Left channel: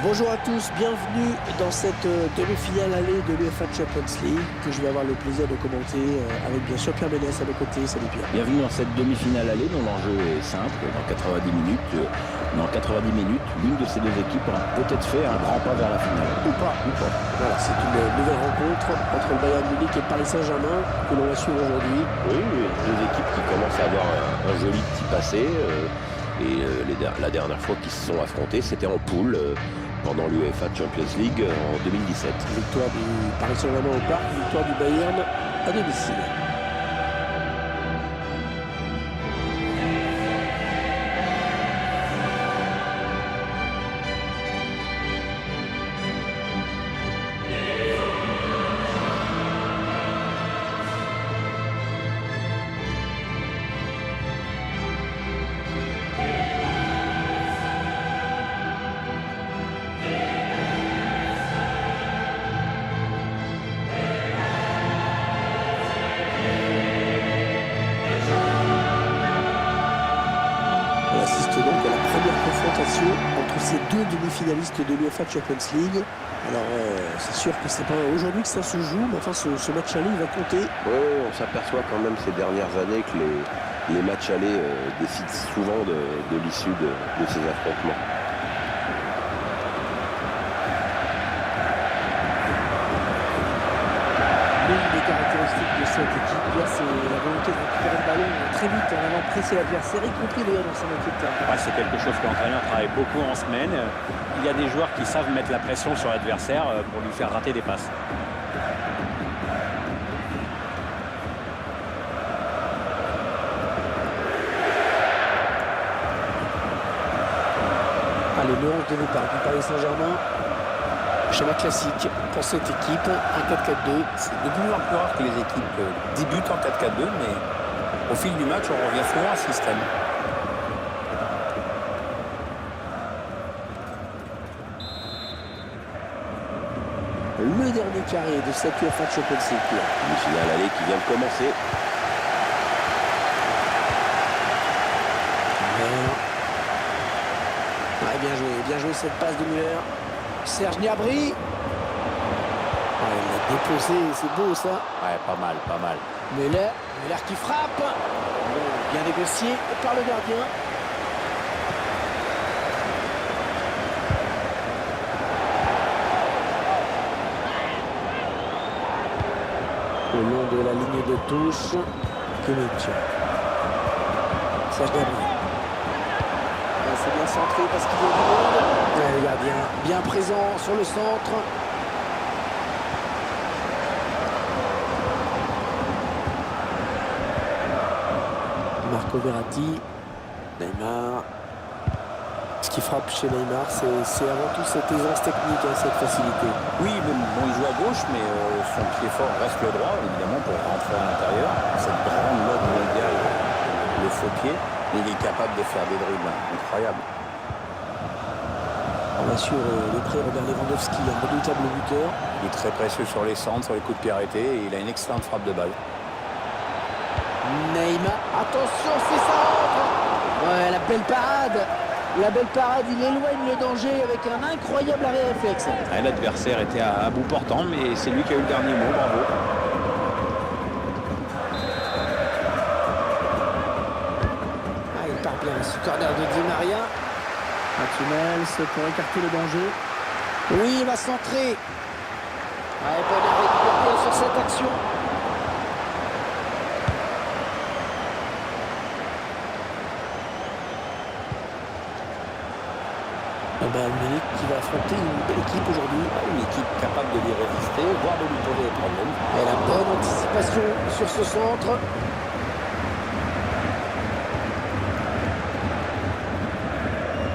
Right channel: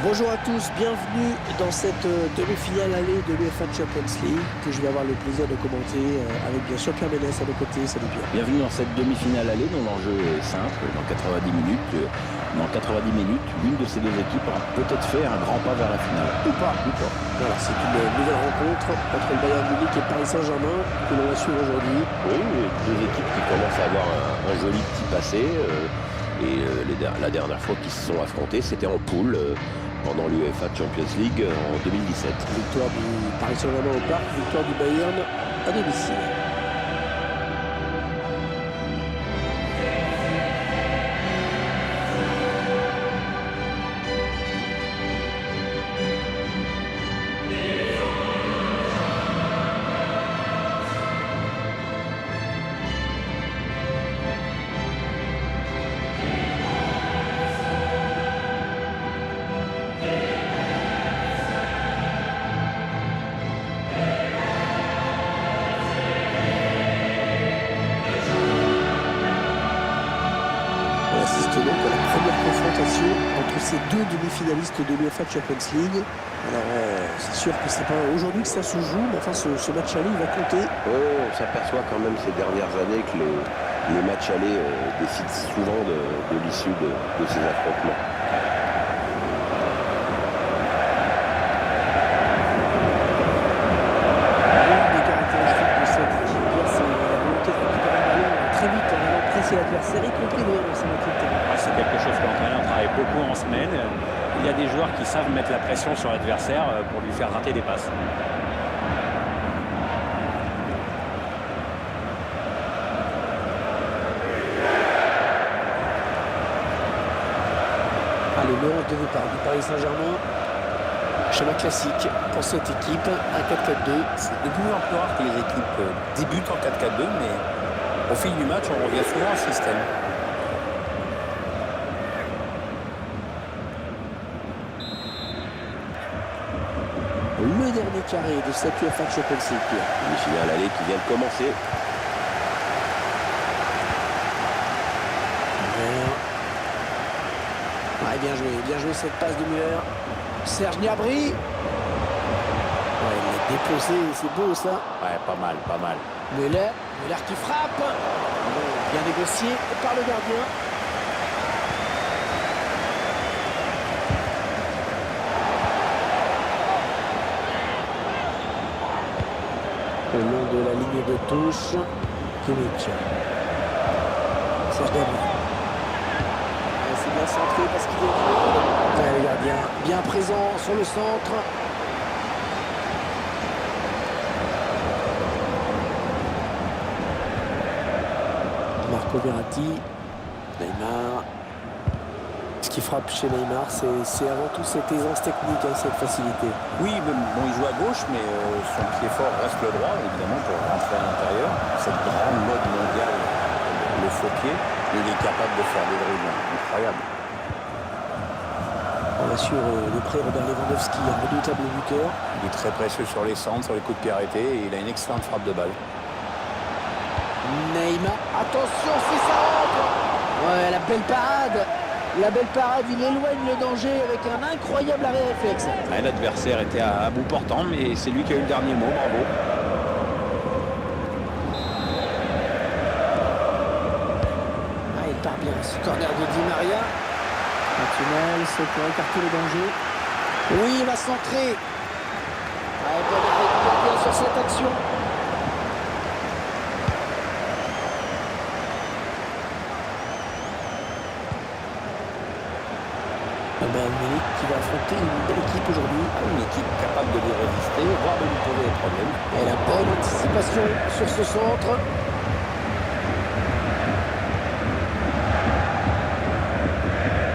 Bonjour à tous, bienvenue dans cette demi-finale allée de l'UEFA Champions League que je vais avoir le plaisir de commenter avec bien sûr Pierre Ménès à mes côtés. Salut Pierre. Bienvenue dans cette demi-finale allée dont l'enjeu est simple. Dans 90 minutes, l'une de ces deux équipes aura peut-être fait un grand pas vers la finale. Ou pas. Voilà, c'est une nouvelle rencontre entre le Bayern Munich et le Paris Saint-Germain que l'on va suivre aujourd'hui. Oui, deux équipes qui commencent à avoir un joli petit passé. La dernière fois qu'ils se sont affrontés, c'était en poule pendant l'UEFA Champions League en 2017. Victoire du Paris Saint-Germain au Parc, victoire du Bayern à domicile. On assiste donc à la première confrontation entre ces deux demi-finalistes de l'UEFA Champions League. Alors c'est sûr que c'est pas aujourd'hui que ça se joue, mais enfin ce match aller il va compter. Oui, on s'aperçoit quand même ces dernières années que les matchs allés décident souvent de l'issue de ces affrontements. L'une des caractéristiques de cette équipe, Pierre, c'est la volonté de récupérer le ballon très vite en allant presser l'adversaire, y compris d'ailleurs dans sa moitié de terrain. Ouais, c'est quelque chose que l'entraîneur travaille beaucoup en semaine. Il y a des joueurs qui savent mettre la pression sur l'adversaire pour lui faire rater des passes. Allez, le 11 de départ du Paris Saint-Germain. Schéma classique pour cette équipe, un 4-4-2. C'est de plus en plus rare que les équipes débutent en 4-4-2, mais au fil du match, on revient souvent à ce système. Le dernier carré de cette UEFA Champions League, Pierre. Demi-finale allée qui vient de commencer. Müller. Ouais, bien joué cette passe de Müller. Serge Gnabry. Ouais, il l'a déposé, c'est beau ça. Ouais, pas mal. Müller qui frappe. Bon, bien négocié par le gardien. Le long de la ligne de touche, Kimmich. Serge Gnabry. Ouais, c'est bien centré parce qu'il y a du monde. Ouais, le gardien bien présent sur le centre. Marco Verratti, Neymar. Ce qui frappe chez Neymar, c'est avant tout cette aisance technique, cette facilité. Oui, mais bon, il joue à gauche, mais son pied fort reste le droit, évidemment, pour rentrer à l'intérieur. Cette grande mode mondiale, le faux pied, il est capable de faire des dribbles incroyables. On va sur le prêt Robert Lewandowski, un redoutable buteur. Il est très précieux sur les centres, sur les coups de pied arrêtés, et il a une excellente frappe de balle. Neymar, attention, c'est ça rentre. Ouais, la belle parade, il éloigne le danger avec un incroyable arrêt réflexe. Ouais, l'adversaire était à bout portant, mais c'est lui qui a eu le dernier mot, bravo. Ah, il part bien, ce corner de Di Maria. Un tunnel, c'est pour écarter le danger. Oui, il va centrer. Ouais, bon arrêt du gardien sur cette action. Bayern Munich qui va affronter une belle équipe aujourd'hui. Une équipe capable de lui résister, voire de lui poser des problèmes. Et la bonne anticipation sur ce centre.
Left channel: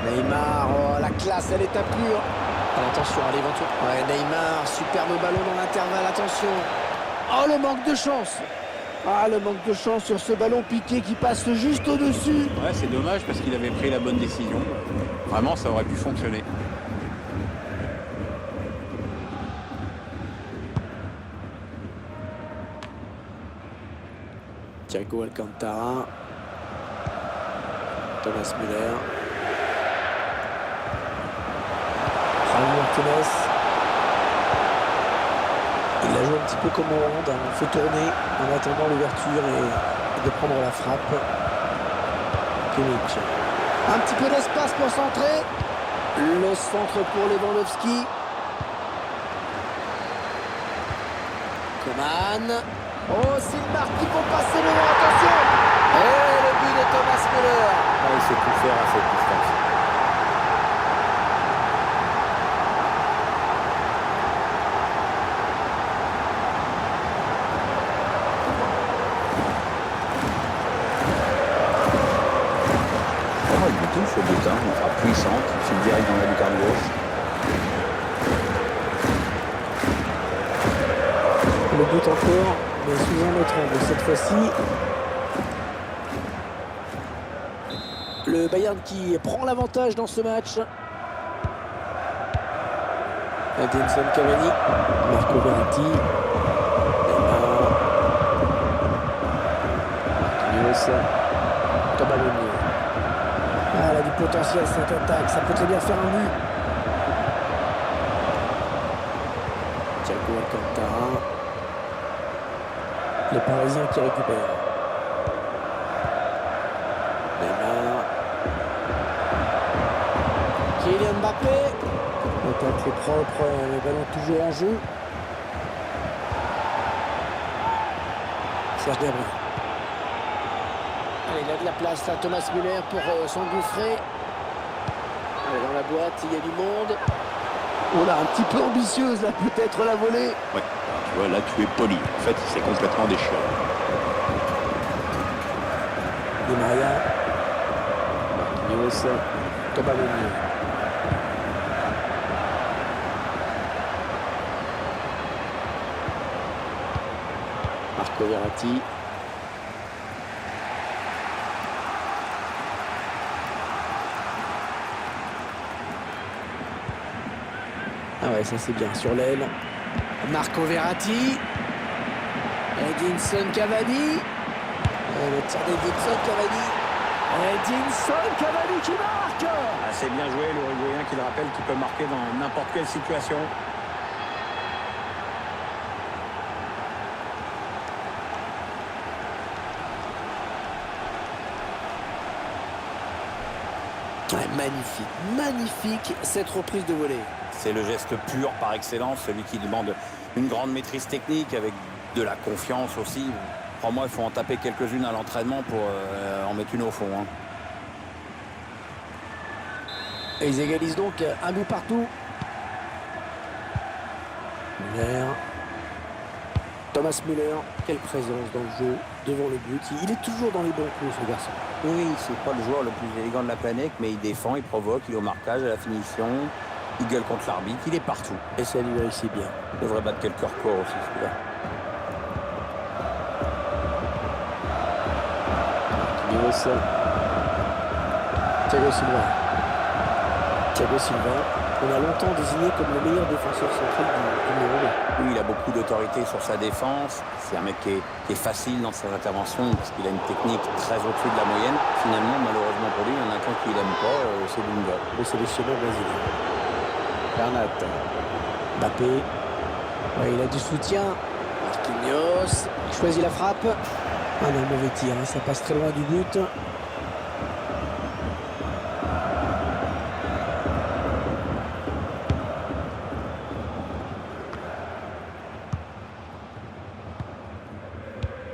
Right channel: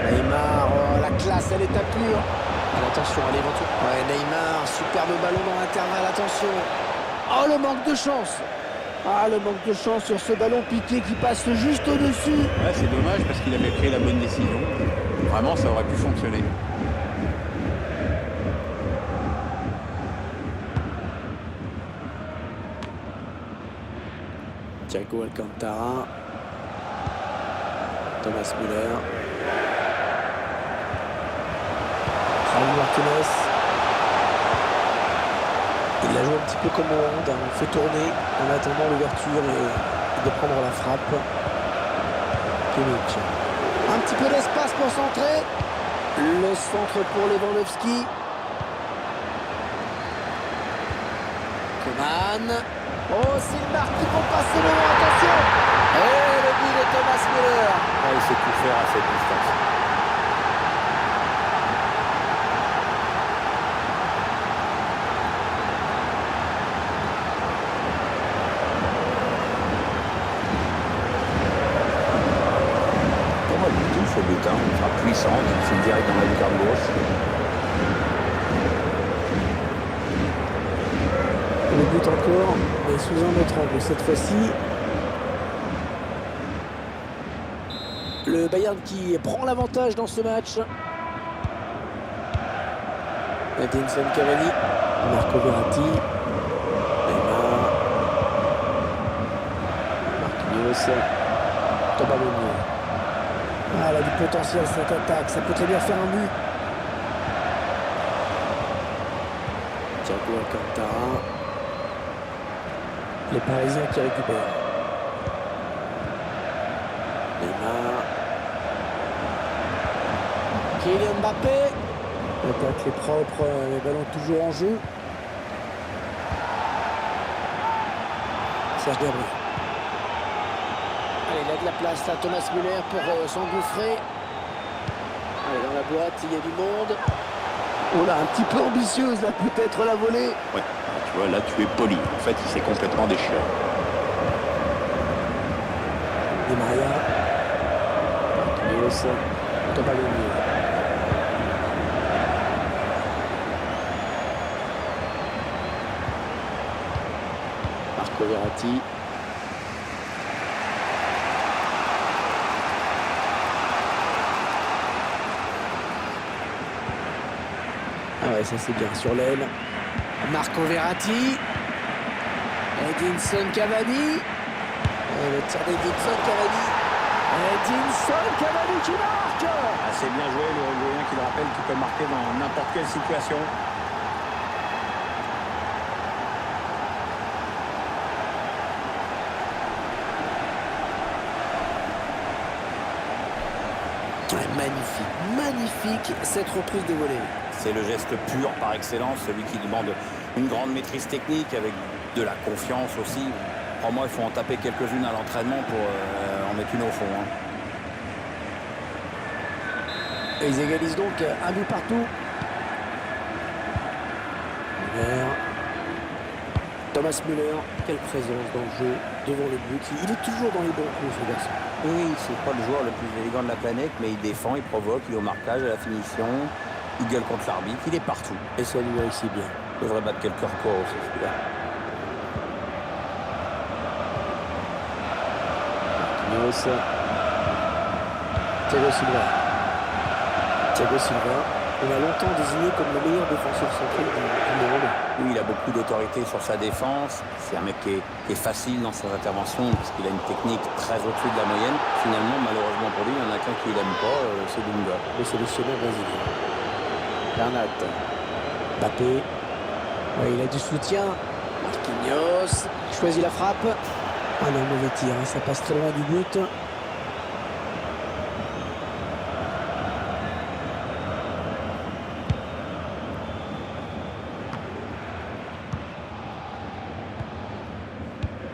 Neymar, oh, la classe, elle est à pure. Attention, allez, éventuellement. Ouais, Neymar, superbe ballon dans l'intervalle, attention. Oh, le manque de chance. Ah, le manque de chance sur ce ballon piqué qui passe juste au-dessus. Ouais, c'est dommage parce qu'il avait pris la bonne décision. Vraiment, ça aurait pu fonctionner. Thiago Alcantara. Thomas Müller. Javi Martinez. Il la joue un petit peu comme au hand, hein. On fait tourner en attendant l'ouverture et de prendre la frappe. Kimmich. Un petit peu d'espace pour centrer. Le centre pour Lewandowski. Coman. Oh, s'il marque, il faut passer devant, attention. Et le but de Thomas Müller. Ouais, il sait tout faire à cette distance. Oh, il butine ce but, hein. Une frappe puissante, il file direct dans la lucarne gauche. Le but encore, mais sous un autre angle cette fois-ci. Le Bayern qui prend l'avantage dans ce match. Edinson Cavani, Marco Verratti, Neymar, Marquinhos, Thomas Meunier. Ah, elle a du potentiel cette attaque, ça peut très bien faire un but. Thiago Alcantara. Les Parisiens qui récupèrent. Neymar. Kylian Mbappé. L'attaque est propre, les ballons toujours en jeu. Serge Gnabry. Allez, il a de la place là, Thomas Müller pour s'engouffrer. Allez, dans la boîte, il y a du monde. Oh là, un petit peu ambitieuse là, peut-être la volée. Ouais, alors, tu vois, là tu es poli. En fait, il s'est complètement déchiré. Di Maria. Marquinhos. Thomas Meunier. Marco Verratti. Ah ouais, ça c'est bien sur l'aile. Marco Verratti. Edinson Cavani. Le tir d'Edinson Cavani. Edinson Cavani qui marque. Ah, c'est bien joué, l'Uruguayen qui le rappelle qu'il peut marquer dans n'importe quelle situation. Ouais, magnifique, magnifique cette reprise de volée. C'est le geste pur par excellence, celui qui demande une grande maîtrise technique avec de la confiance aussi. Crois-moi, il faut en taper quelques-unes à l'entraînement pour en mettre une au fond. Hein. Et ils égalisent donc un but partout. Müller. Thomas Müller, quelle présence dans le jeu, devant le but. Il est toujours dans les bons coups, ce garçon. Oui, c'est pas le joueur le plus élégant de la planète, mais il défend, il provoque, il est au marquage, à la finition, il gueule contre l'arbitre, il est partout. Et ça lui réussit bien. Il devrait battre quelques records aussi, celui-là. Marquinhos. Thiago Silva. Thiago Silva, on a longtemps désigné comme le meilleur défenseur central du monde. Oui, il a beaucoup d'autorité sur sa défense. C'est un mec qui est facile dans ses interventions parce qu'il a une technique très au-dessus de la moyenne. Finalement, malheureusement pour lui, il y en a qu'un qui l'aime pas, c'est Dunga. Le sélectionneur brésilien. Bernat. Mbappé. Ouais, il a du soutien. Marquinhos. Il choisit la frappe. Ah non, mauvais tir, hein, ça passe très loin du but.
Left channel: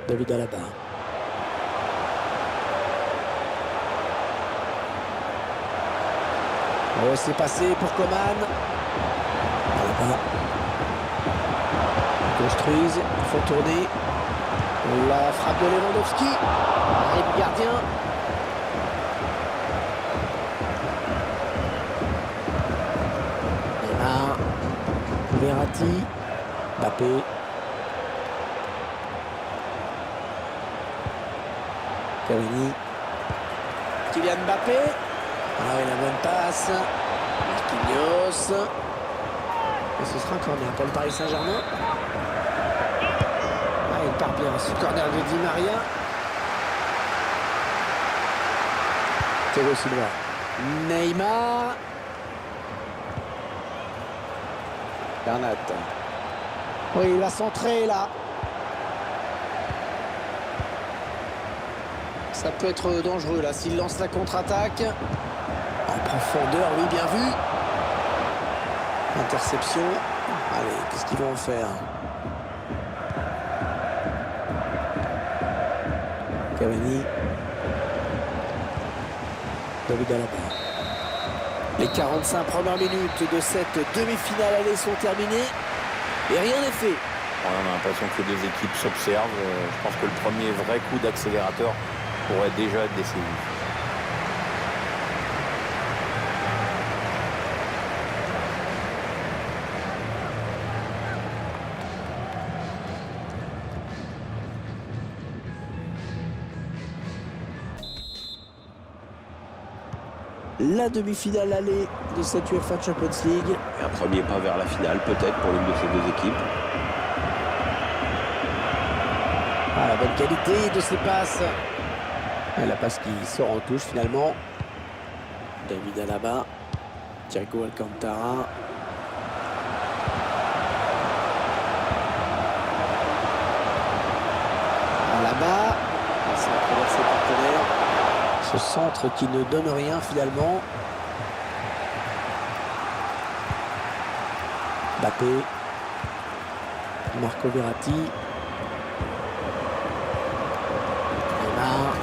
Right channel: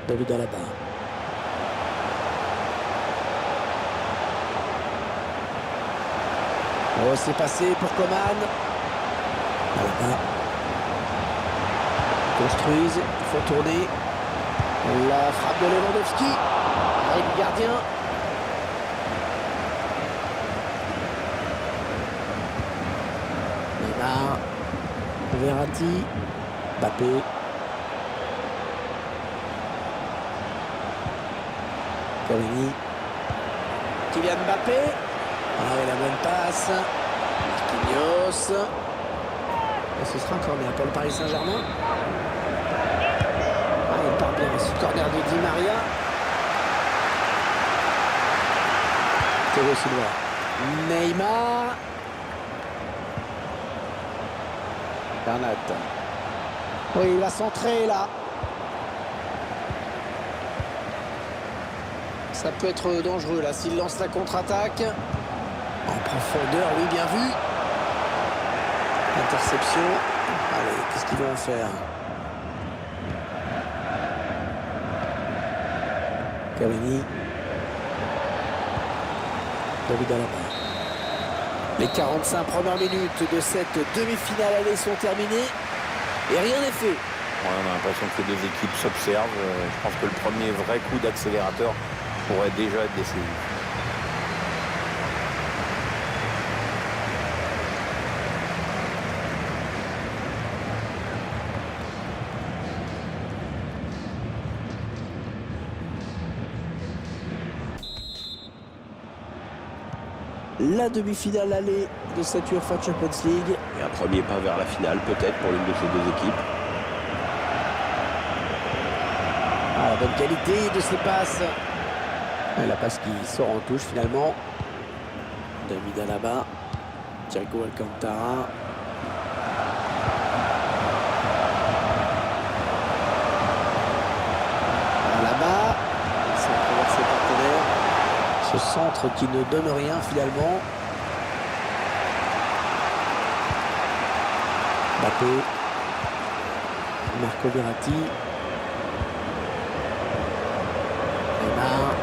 David Alaba. Oh, c'est passé pour Coman. Alaba. Ils construisent, ils font tourner. La frappe de Lewandowski. Arrêt du gardien. Neymar. Verratti. Mbappé. Cavani. Kylian Mbappé. Ah oui, la bonne passe. Marquinhos. Et ce sera un corner pour le Paris Saint-Germain. Ah, il part bien. Ce corner de Di Maria. Thiago Silva. Neymar. Bernat. Oui, il va centrer là. Ça peut être dangereux là s'il lance la contre-attaque. En profondeur, oui, bien vu. Interception. Allez, qu'est-ce qu'ils vont en faire? Cavani. David Alaba. Les 45 premières minutes de cette demi-finale aller sont terminées et rien n'est fait. Ouais, on a l'impression que les deux équipes s'observent. Je pense que le premier vrai coup d'accélérateur pourrait déjà être décisif. La demi-finale aller de cette UEFA Champions League. Et un premier pas vers la finale, peut-être, pour l'une de ces deux équipes. Ah, la bonne qualité de ses passes. Ah, la passe qui sort en touche finalement. David Alaba. Thiago Alcantara. Alaba. Il s'est traversé ses partenaires. Ce centre qui ne donne rien finalement. Mbappé. Marco Verratti. Neymar.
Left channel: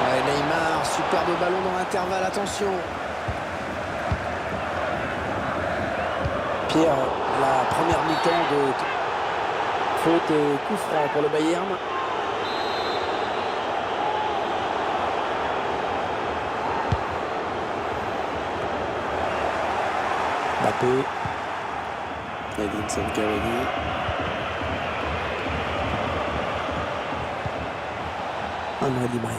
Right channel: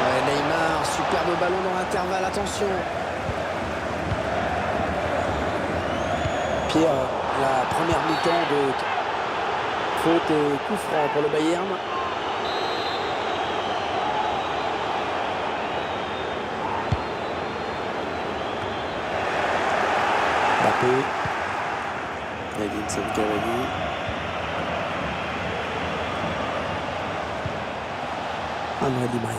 Ouais, Neymar, superbe ballon dans l'intervalle, attention. Pierre, la première mi-temps de faute et coup franc pour le Bayern. Mbappé. Edinson Cavani. André Di Maria.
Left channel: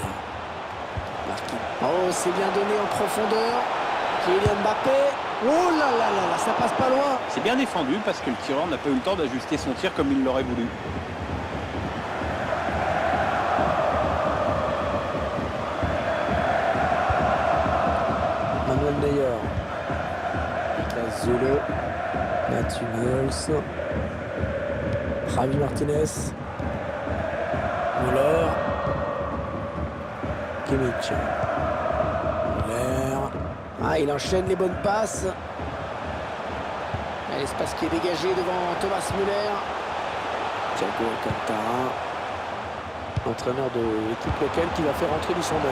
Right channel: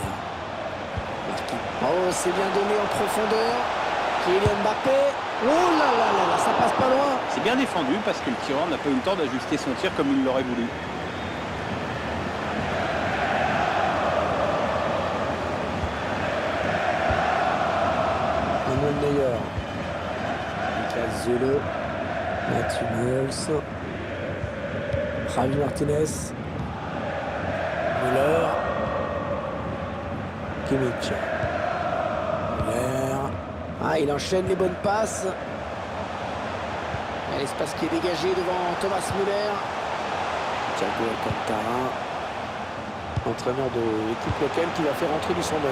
Marquis. Oh, c'est bien donné en profondeur. Kylian Mbappé. Oh là là là là, ça passe pas loin. C'est bien défendu parce que le tireur n'a pas eu le temps d'ajuster son tir comme il l'aurait voulu. Manuel Neuer. Lucas Zule. Mathieu Hummels. Javi Martinez. Müller. Kimmich. Müller. Ah, il enchaîne les bonnes passes. L'espace qui est dégagé devant Thomas Müller. Thiago Alcantara. Entraîneur de l'équipe locale qui va faire entrer du 109.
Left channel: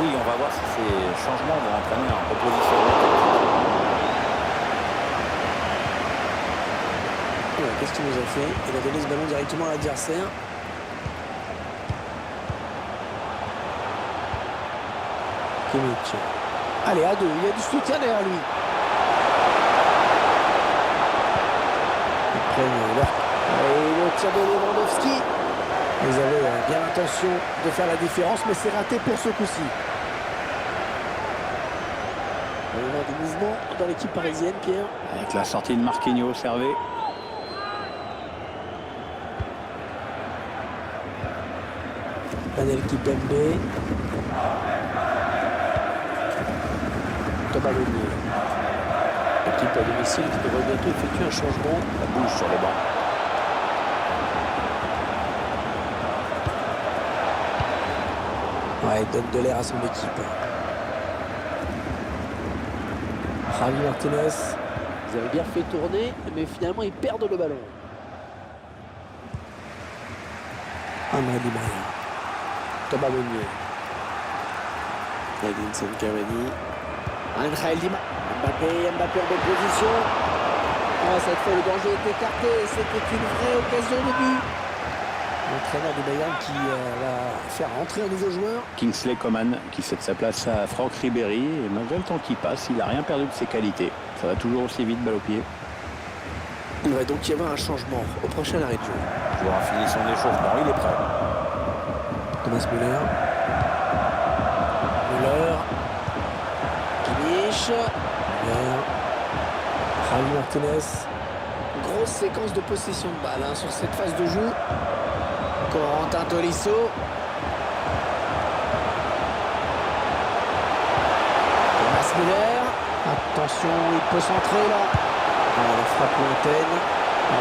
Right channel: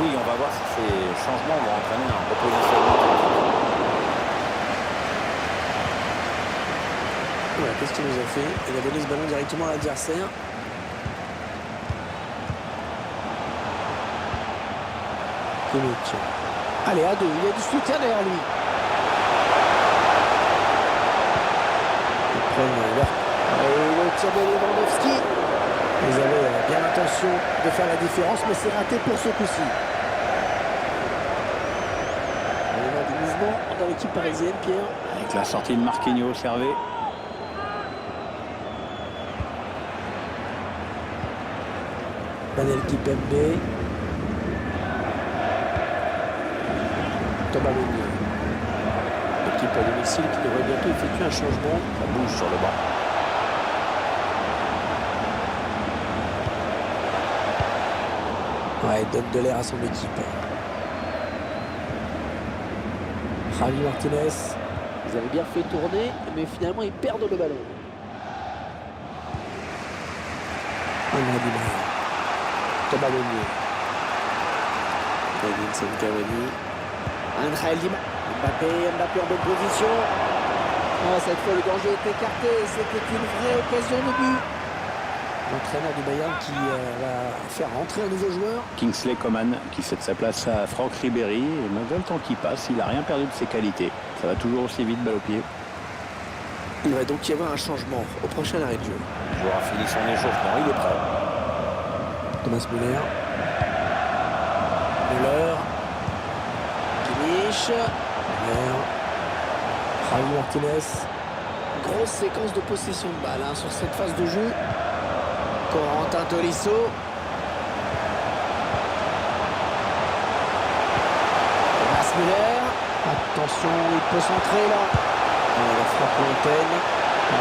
Oui, on va voir si ces changements vont entraîner un repositionnement tactique. Voilà, qu'est-ce qu'il nous a fait? Il a donné ce ballon directement à l'adversaire. Kimmich. Allez, à deux, il y a du soutien derrière lui. Ils prennent leur... Et le tir de Lewandowski. Ils avaient bien l'intention de faire la différence, mais c'est raté pour ce coup-ci. On va voir du mouvement dans l'équipe parisienne, Pierre. Avec la sortie de Marquinhos, Hervé. Daniel Kimpembe. Thomas Meunier. Équipe à domicile qui devrait bientôt effectuer un changement. Ça bouge sur le banc. Ouais, il donne de l'air à son équipe. Javi Martinez. Ils avaient bien fait tourner, mais finalement ils perdent le ballon. André Di Maria. Thomas Meunier. Edinson Cavani. Angel Di Maria. Mbappé en bonne position. Oh, cette fois le danger est écarté. C'était une vraie occasion de but. L'entraîneur du Bayern qui va faire rentrer un nouveau joueur. Kingsley Coman qui cède sa place à Franck Ribéry. Et malgré le temps qui passe, il n'a rien perdu de ses qualités. Ça va toujours aussi vite, balle au pied. Il va donc y avoir un changement au prochain arrêt de jeu. Le joueur a fini son échauffement, il est prêt. Thomas Müller. Müller. Kimmich. Müller. Javi Martinez. Grosse séquence de possession de balle sur cette phase de jeu. Corentin Tolisso. Thomas Müller. Attention, il peut centrer là. La frappe lointaine.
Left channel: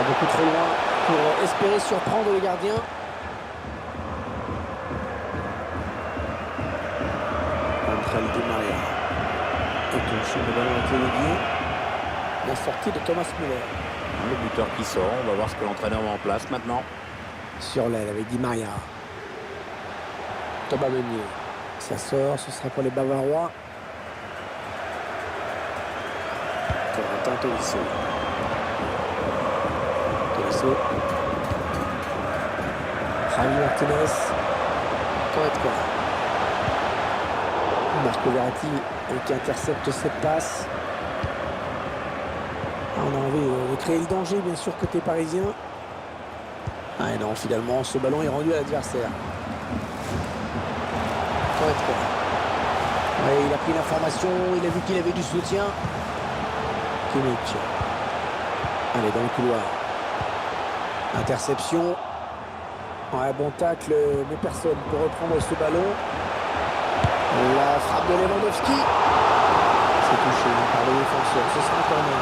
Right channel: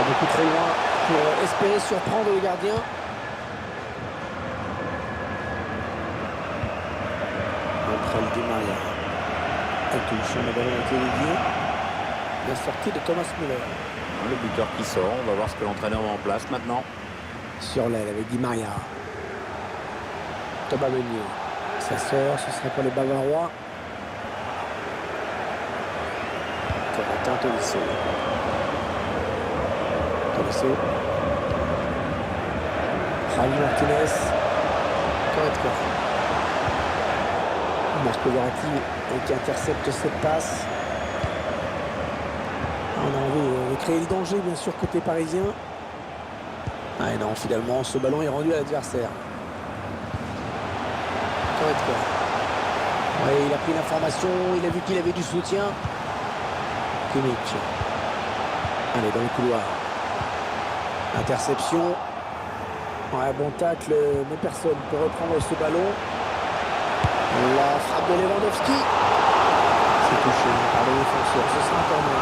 Beaucoup trop loin pour espérer surprendre le gardien. Angel Di Maria. Elle touche le ballon avec Olivier. La sortie de Thomas Müller. Le buteur qui sort, on va voir ce que l'entraîneur met en place maintenant. Sur l'aile avec Di Maria. Thomas Meunier. Ça sort, ce sera pour les Bavarois. Corentin Tolisso. Tolisso. Javi Martinez. Goretzka. Marco Verratti qui intercepte cette passe. On a envie de créer le danger, bien sûr, côté parisien. Et non, finalement, ce ballon est rendu à l'adversaire. Goretzka. Ouais, il a pris l'information, il a vu qu'il avait du soutien. Kimmich. Allez, dans le couloir. Interception. Ouais, bon tacle, mais personne peut reprendre ce ballon. La frappe de Lewandowski. C'est touché par le défenseur. Ce sera un corner.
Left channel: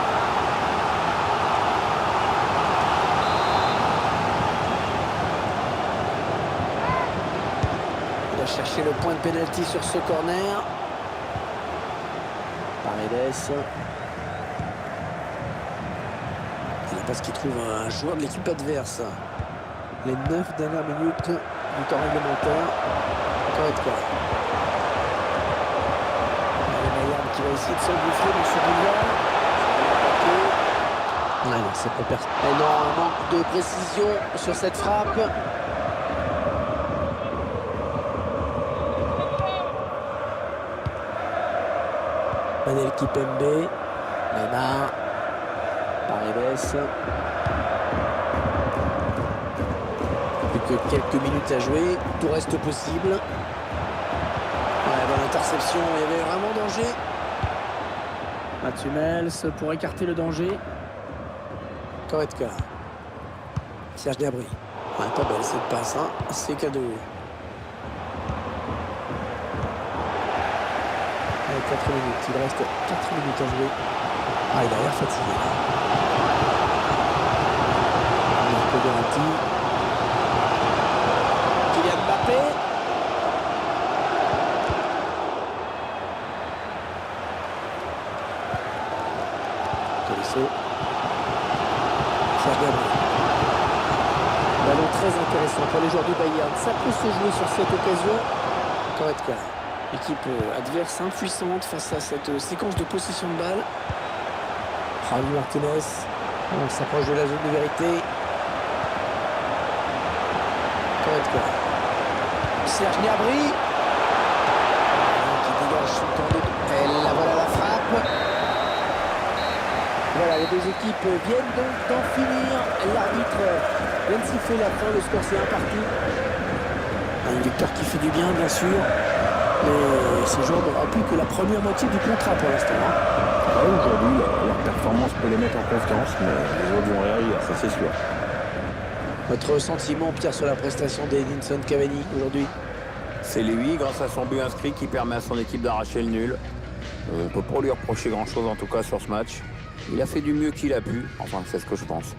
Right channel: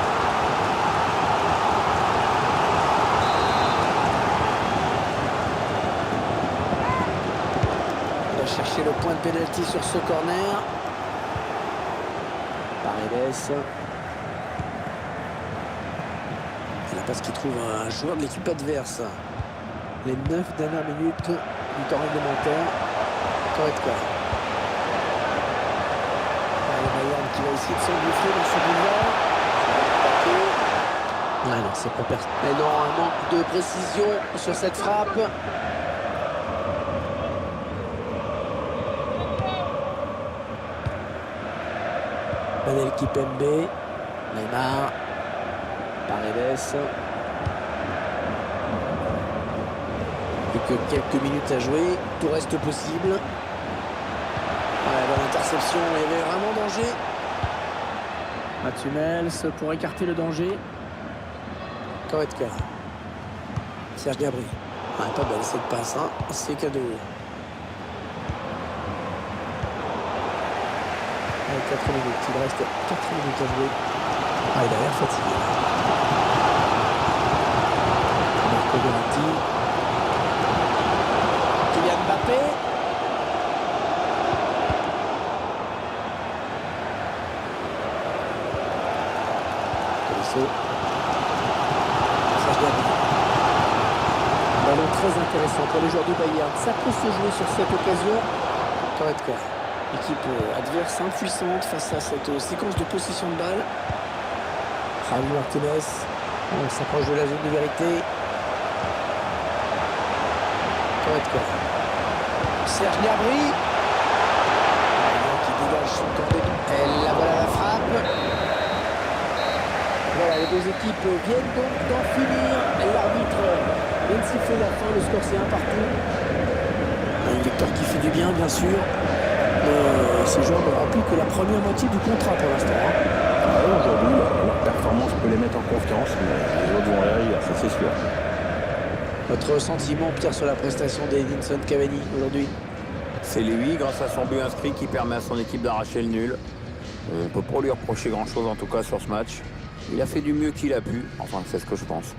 Il a cherché le point de pénalty sur ce corner. Paredes. Parce qu'il trouve un joueur de l'équipe adverse. Les 9 dernières minutes du temps réglementaire. Goretzka. Bayern qui va essayer de s'engouffrer dans ce boulevard. Ah non, c'est pour personne. Et non, un manque de précision sur cette frappe. Panel Kipembe. Neymar. Paredes. Plus que quelques minutes à jouer, tout reste possible. Ouais, bonne interception, il y avait vraiment danger. Mats Hummels pour écarter le danger. Goretzka. Serge Gnabry. Ouais, pas belle cette passe, hein. C'est cadeau. Allez, 4 minutes, il reste 4 minutes à jouer. Ah, il a l'air fatigué là. Marco Verratti. Kylian Mbappé. Tolisso. Serge Gnabry. Ballon très intéressant pour les joueurs du Bayern. Ça peut se jouer sur cette occasion. Goretzka. Équipe adverse impuissante face à cette séquence de possession de balle. Javi Martinez. On s'approche de la zone de vérité. Goretzka. Serge Gnabry. Qui dégage son camp de... Et là voilà la frappe. Voilà, les deux équipes viennent donc d'en finir. L'arbitre vient de siffler la fin. Le score c'est 1 partout. Une victoire qui fait du bien, bien sûr. Mais ces joueurs ne remplissent que la première moitié du contrat pour l'instant. Aujourd'hui, leur performance peut les mettre en confiance, mais les autres vont réagir, ça c'est sûr. Votre sentiment, Pierre, sur la prestation d'Edinson Cavani aujourd'hui? C'est lui, grâce à son but inscrit, qui permet à son équipe d'arracher le nul. On ne peut pas lui reprocher grand-chose, en tout cas, sur ce match. Il a fait du mieux qu'il a pu, enfin, c'est ce que je pense.